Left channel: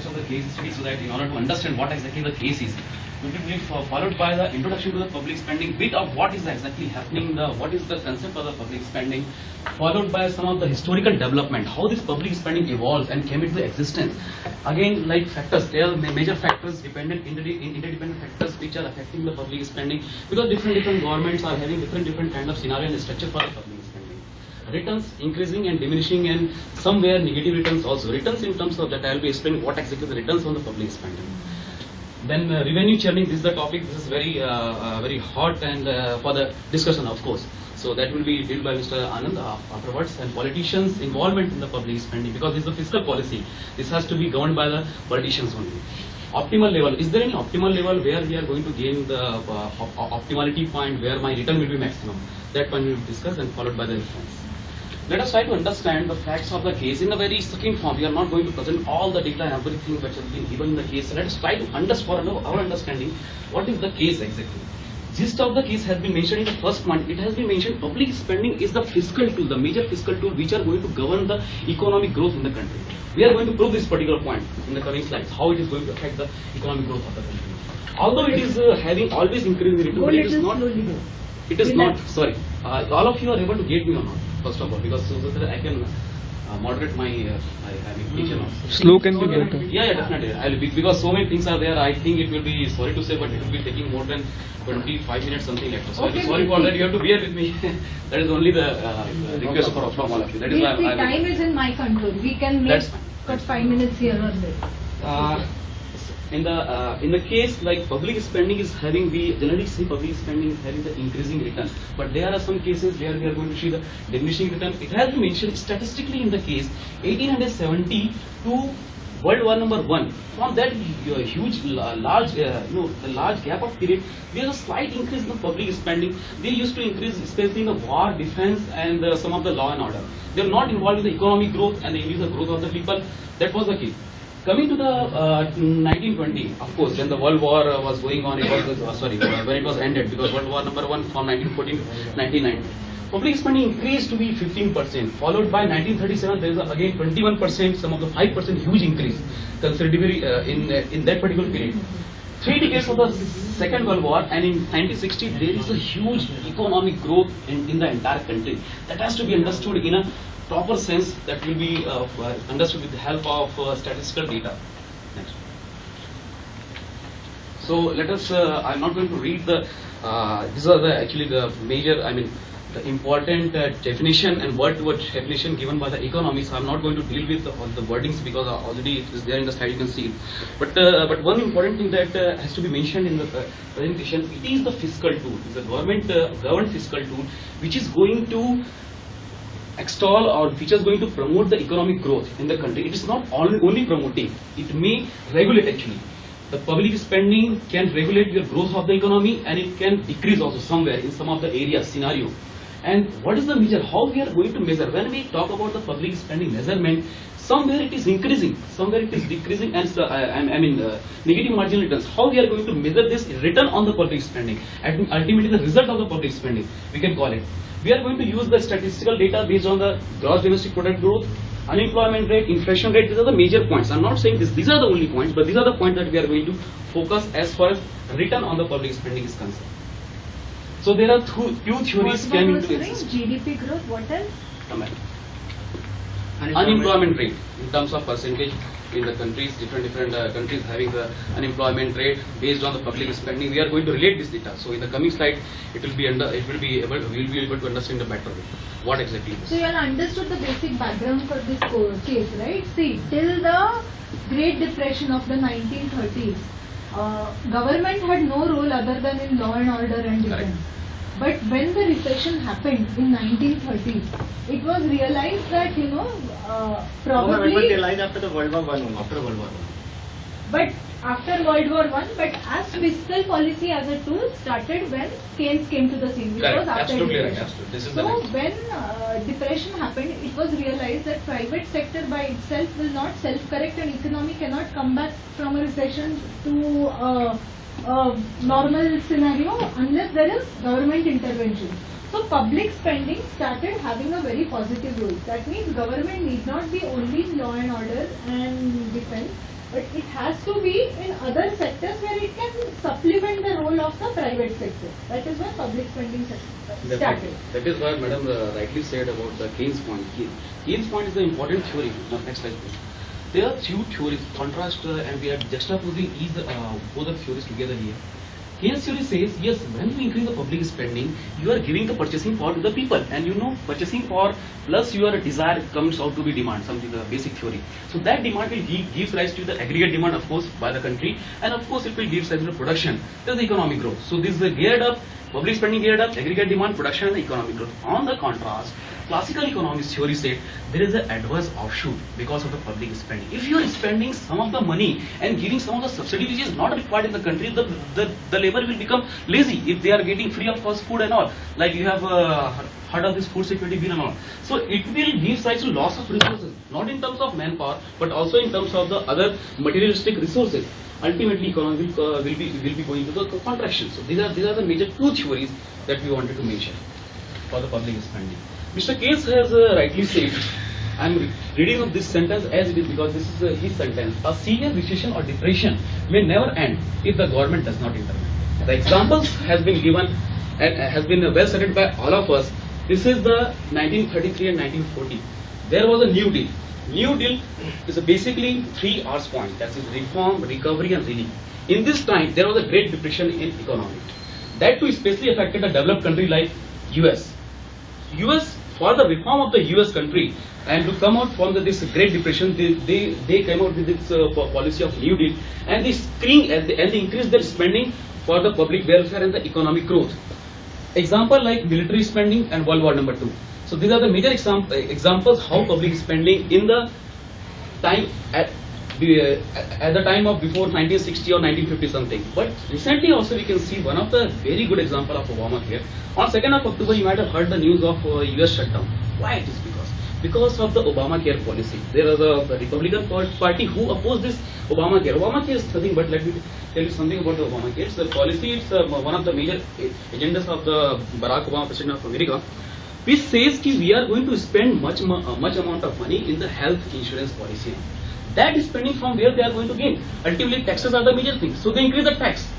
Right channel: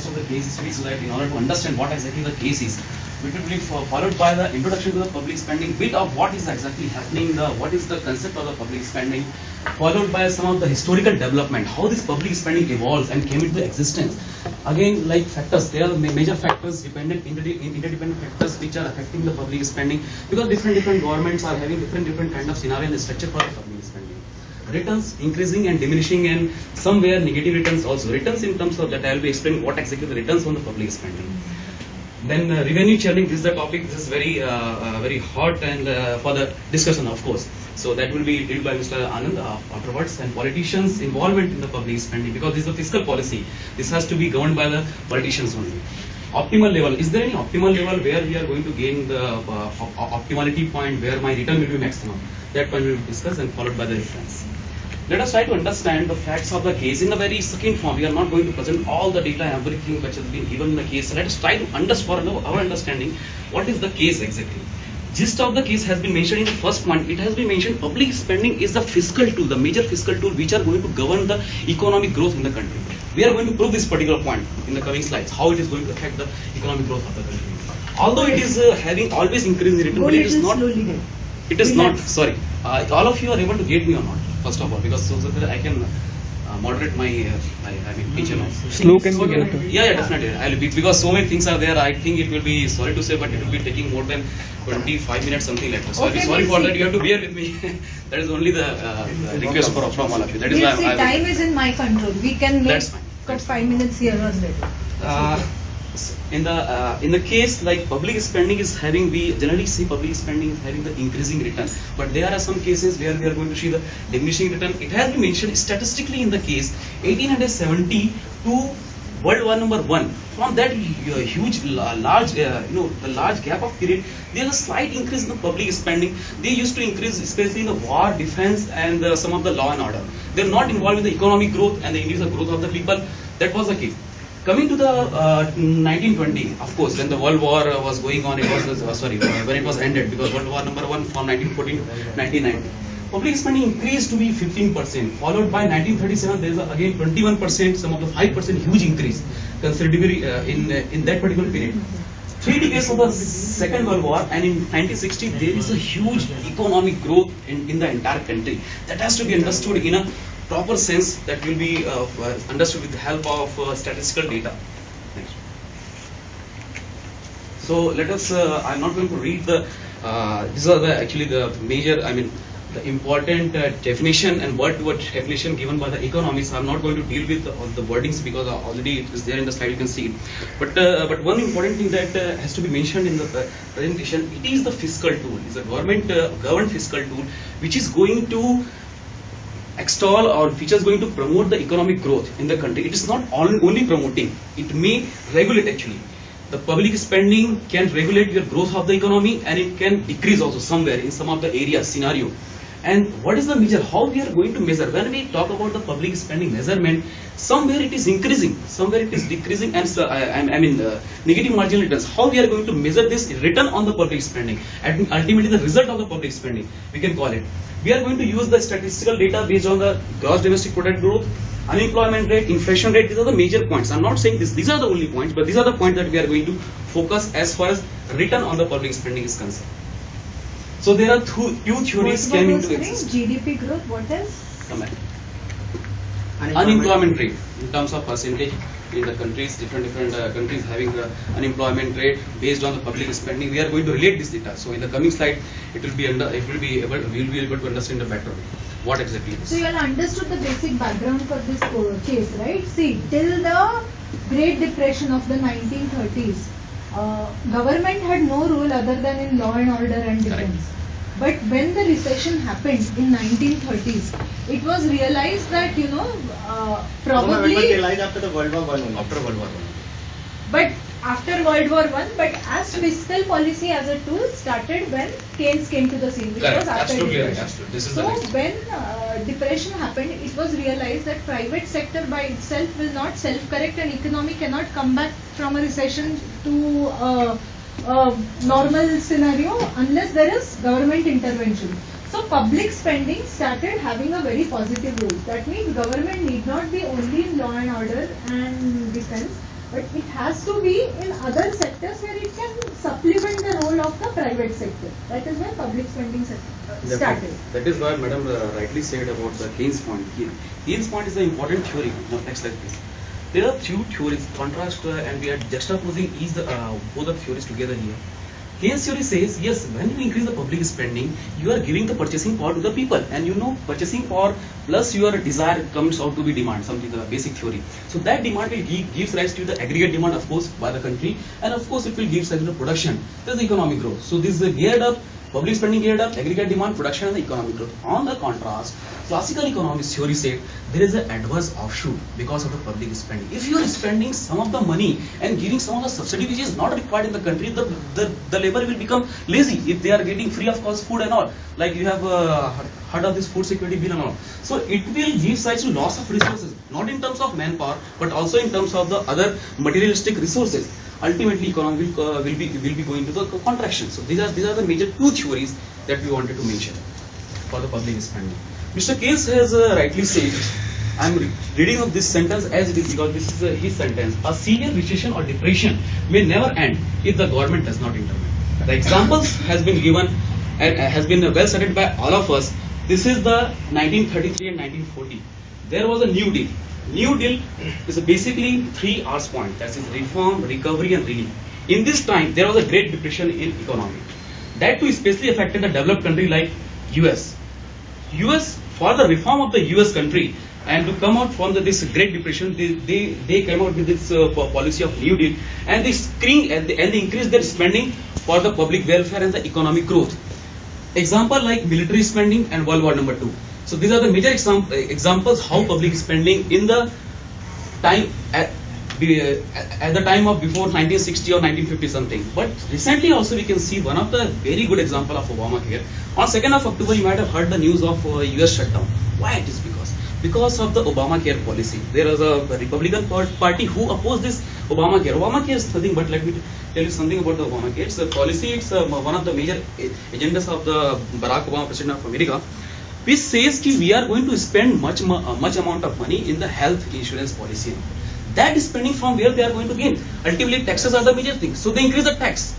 purpose of the case study, so that in order to understand what exactly the case is, it will be followed by the introduction to the public spending, bit of what is exactly happening, what is the concept of the public spending, followed by some of the historical development, how this public spending evolves and came into existence. Again, like factors, there are major factors, dependent, interdependent factors which are affecting the public spending, because different governments are having different kind of scenario and structure for the public spending. Returns increasing and diminishing, and somewhere negative returns also. Returns in terms of that, I will be explaining what exactly the returns on the public spending. Then revenue churning, this is the topic. This is very hot and for the discussion, of course. So that will be dealt by Mr. Anand afterwards. And politicians' involvement in the public spending, because this is a fiscal policy. This has to be governed by the politicians only. Optimal level. Is there any optimal level where we are going to gain the optimality point where my return will be maximum? That point we will discuss, and followed by the reference. Let us try to understand the facts of the case in a very succinct form. We are not going to present all the data and everything which has been given in the case. So let us try to understand, for our understanding, what is the case exactly. Gist of the case has been mentioned in the first point. It has been mentioned public spending is the fiscal tool, the major fiscal tool which are going to govern the economic growth in the country. We are going to prove this particular point in the coming slides, how it is going to affect the economic growth of the country. Although it is having always increased in return, but it is not. It is not. Sorry, all of you are able to get me or not? First of all, because so that I can moderate my pitch and all. Slow can be get. Yeah, definitely. I will be, because so many things are there. I think it will be, sorry to say, but it will be taking more than 25 minutes, something like that. Sorry for that. You have to bear with me. That is only the request from all of you. That is why time is in my control. We can make 5 minutes here or there. In the case, like public spending is having, we generally see public spending having the increasing return, but there are some cases where we are going to see the diminishing return. It has been mentioned statistically in the case 1870 to World War #1. From that huge, large, the large gap of period, there is a slight increase in the public spending. They used to increase, especially in the war, defense, and some of the law and order. They are not involved in the economic growth and the increase of growth of the people. That was the case. Coming to the 1920, of course, when the World War was going on, it was when it was ended, because World War #1 from 1914 to 1990. Public spending increased to be 15%, followed by 1937, there is again 21%, some of the 5% huge increase, considerably in that particular period. 3 decades of the Second World War, and in 1960, there is a huge economic growth in the entire country. That has to be understood in a proper sense, that will be understood with the help of statistical data. Next. So let us, I'm not going to read the, these are actually the major, the important definition and word-to-word definition given by the economists. I'm not going to deal with all the wordings because already it is there in the slide, you can see it. But one important thing that has to be mentioned in the presentation, it is the fiscal tool. It's a government fiscal tool which is going to extol, or which is going to promote the economic growth in the country. It is not only promoting, it may regulate actually. The public spending can regulate your growth of the economy, and it can decrease also somewhere in some of the areas, scenario. And what is the measure? How we are going to measure? When we talk about the public spending measurement, somewhere it is increasing, somewhere it is decreasing, and negative marginal returns. How we are going to measure this return on the public spending, and ultimately the result of the public spending, we can call it. We are going to use the statistical data based on the gross domestic product growth, unemployment rate, inflation rate. These are the major points. I'm not saying these are the only points, but these are the points that we are going to focus as far as return on the public spending is concerned. So there are two theories came into existence. GDP growth, what else? Unemployment rate in terms of percentage in the countries, different countries having the unemployment rate based on the public spending. We are going to relate this data. So in the coming slide, we'll be able to understand the better what exactly it is. So you all understood the basic background for this case, right? See, till the Great Depression of the 1930s, government had no role other than in law and order and defense. But when the recession happened in 1930s, it was realized that, probably... after the World War I, after World War I. But after World War I, but as fiscal policy as a tool started when Keynes came to the scene, which was after depression. So when depression happened, it was realized that private sector by itself will not self-correct, and economy cannot come back from a recession to a normal scenario unless there is government intervention. So public spending started having a very positive role. That means government need not be only in law and order and defense, but has to be in other sectors where it can supplement the role of the private sector. That is why public spending started. That is why Madam rightly said about the Keynes point. Keynes point is an important theory. Now, next slide please. There are few theories, contrast and we are juxtaposing both the theories together here. Keynes theory says, yes, when you increase the public spending, you are giving the purchasing power to the people, and you know purchasing power plus your desire comes out to be demand, something the basic theory. So that demand will gives rise to the aggregate demand, of course, by the country, and of course it will give rise to production. There's the economic growth. So this is geared up, public spending geared up, aggregate demand, production, and the economic growth. On the contrast, classical economics theory said there is an adverse offshoot because of the public spending. If you are spending some of the money and giving some of the subsidy which is not required in the country, the labor will become lazy if they are getting free of cost food and all. Like you have heard of this food security bill and all. So it will give rise to loss of resources, not in terms of manpower, but also in terms of the other materialistic resources. Ultimately, economy will be going to the contraction. So these are the major two theories that we wanted to mention for the public spending. Mr. Keynes has rightly said, I am reading of this sentence as it is because this is his sentence. A severe recession or depression may never end if the government does not intervene. The examples has been given and has been well cited by all of us. This is the 1933 and 1940. There was a New Deal. New Deal is basically 3 R's point. That is reform, recovery, and relief. In this time, there was a great depression in economy. That too especially affected a developed country like US. US, for the reform of the US country and to come out from this Great Depression, they came out with this policy of New Deal, and they increased their spending for the public welfare and the economic growth. Example like military spending and World War II. So these are the major examples how public spending in the time at the time of before 1960 or 1950 something. But recently also we can see one of the very good example of Obamacare. On 2nd of October you might have heard the news of US shutdown. Why it is because of the Obamacare policy. There was a Republican party who opposed this Obamacare. Obamacare is nothing but, let me tell you something about the Obamacare. It's a policy, it's one of the major agendas of the Barack Obama, President of America, which says that we are going to spend much amount of money in the health insurance policy. That is spending from where they are going to gain. Ultimately, taxes are the major thing. So they increase the tax.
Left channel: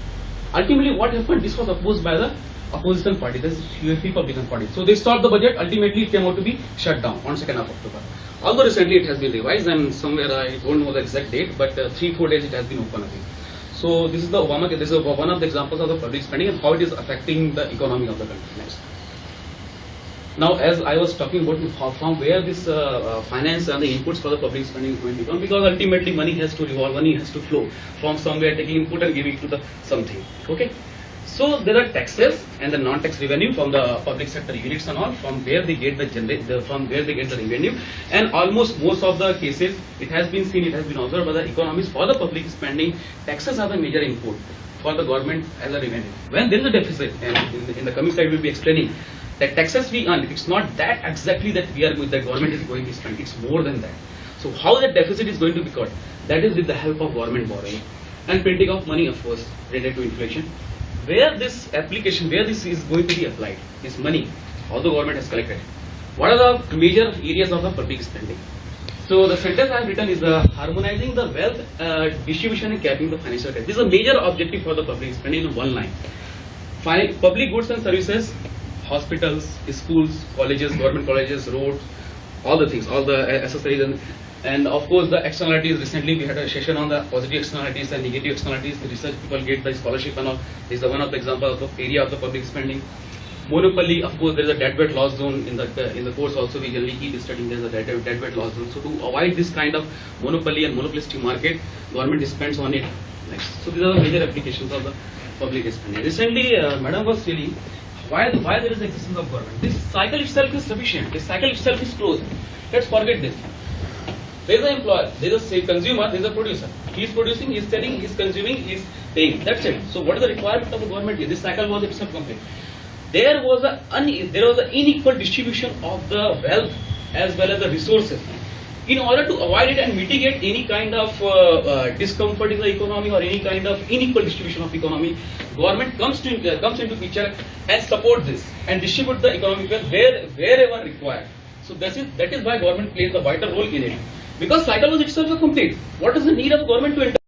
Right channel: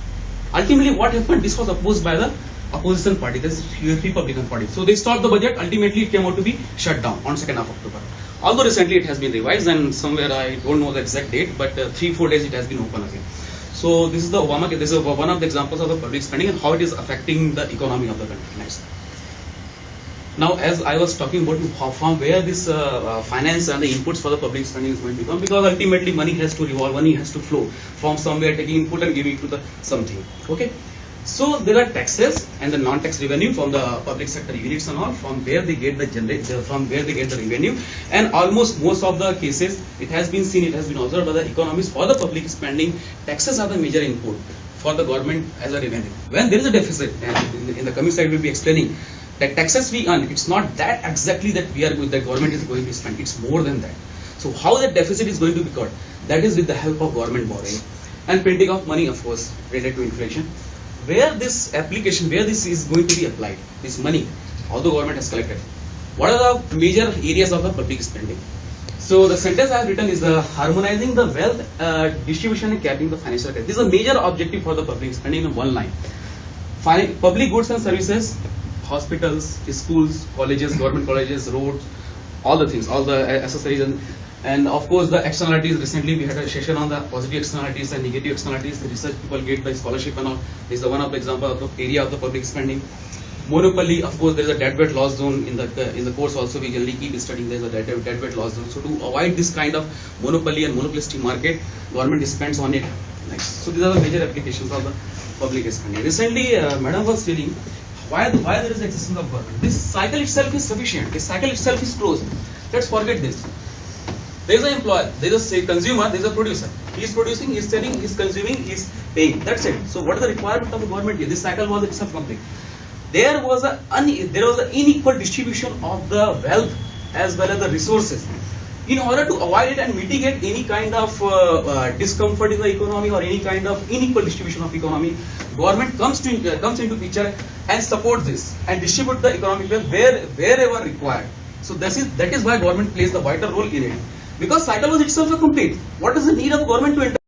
Ultimately, what happened? This was opposed by the opposition party, this Republican party. So they stopped the budget. Ultimately, it came out to be shut down on 2nd of October. Although recently it has been revised, and somewhere I don't know the exact date, but 3-4 days it has been open again. So this is the Obamacare. This is one of the examples of the public spending and how it is affecting the economy of the country. Next. Now, as I was talking about from where this finance and the inputs for the public spending is going to come, because ultimately money has to revolve, money has to flow from somewhere, taking input and giving it to the something. Okay. So there are taxes and the non-tax revenue from the public sector units and all, from where they get the revenue, and almost most of the cases it has been seen, it has been observed by the economists, for the public spending, taxes are the major input for the government as a revenue. When there is a deficit, in the coming slide we will be explaining that taxes we earn, it's not that exactly that the government is going to spend, it's more than that. So how that deficit is going to be cut? That is with the help of government borrowing and printing of money, of course, related to inflation. Where this is going to be applied, this money, although government has collected, what are the major areas of the public spending? So the sentence I have written is the harmonizing the wealth distribution and capping the financial credit. This is a major objective for the public spending in one line. Public goods and services, hospitals, schools, colleges, government colleges, roads, all the things, all the accessories, and of course the externalities. Recently we had a session on the positive externalities and negative externalities. The research people get the scholarship and all. This is one of the examples of the area of the public spending. Monopoly, of course, there is a dead weight loss zone in the course also. We generally keep studying there is a dead weight loss zone. So to avoid this kind of monopoly and monopolistic market, government spends on it. Next. So these are the major applications of the public spending. Recently, Madam was feeling why there is the existence of government. This cycle itself is sufficient. This cycle itself is closed. Let's forget this. There is an employer, there is a consumer, there is a producer. He is producing, he is selling, he is consuming, he is paying. That's it. So what is the requirement of the government here? This cycle was itself complete. There was an unequal distribution of the wealth as well as the resources. In order to avoid it and mitigate any kind of discomfort in the economy or any kind of unequal distribution of economy, government comes into picture and support this and distribute the economic wealth wherever required. So that is why government plays the vital role in it. Because cycle was itself a complete. What is the need of government to enter?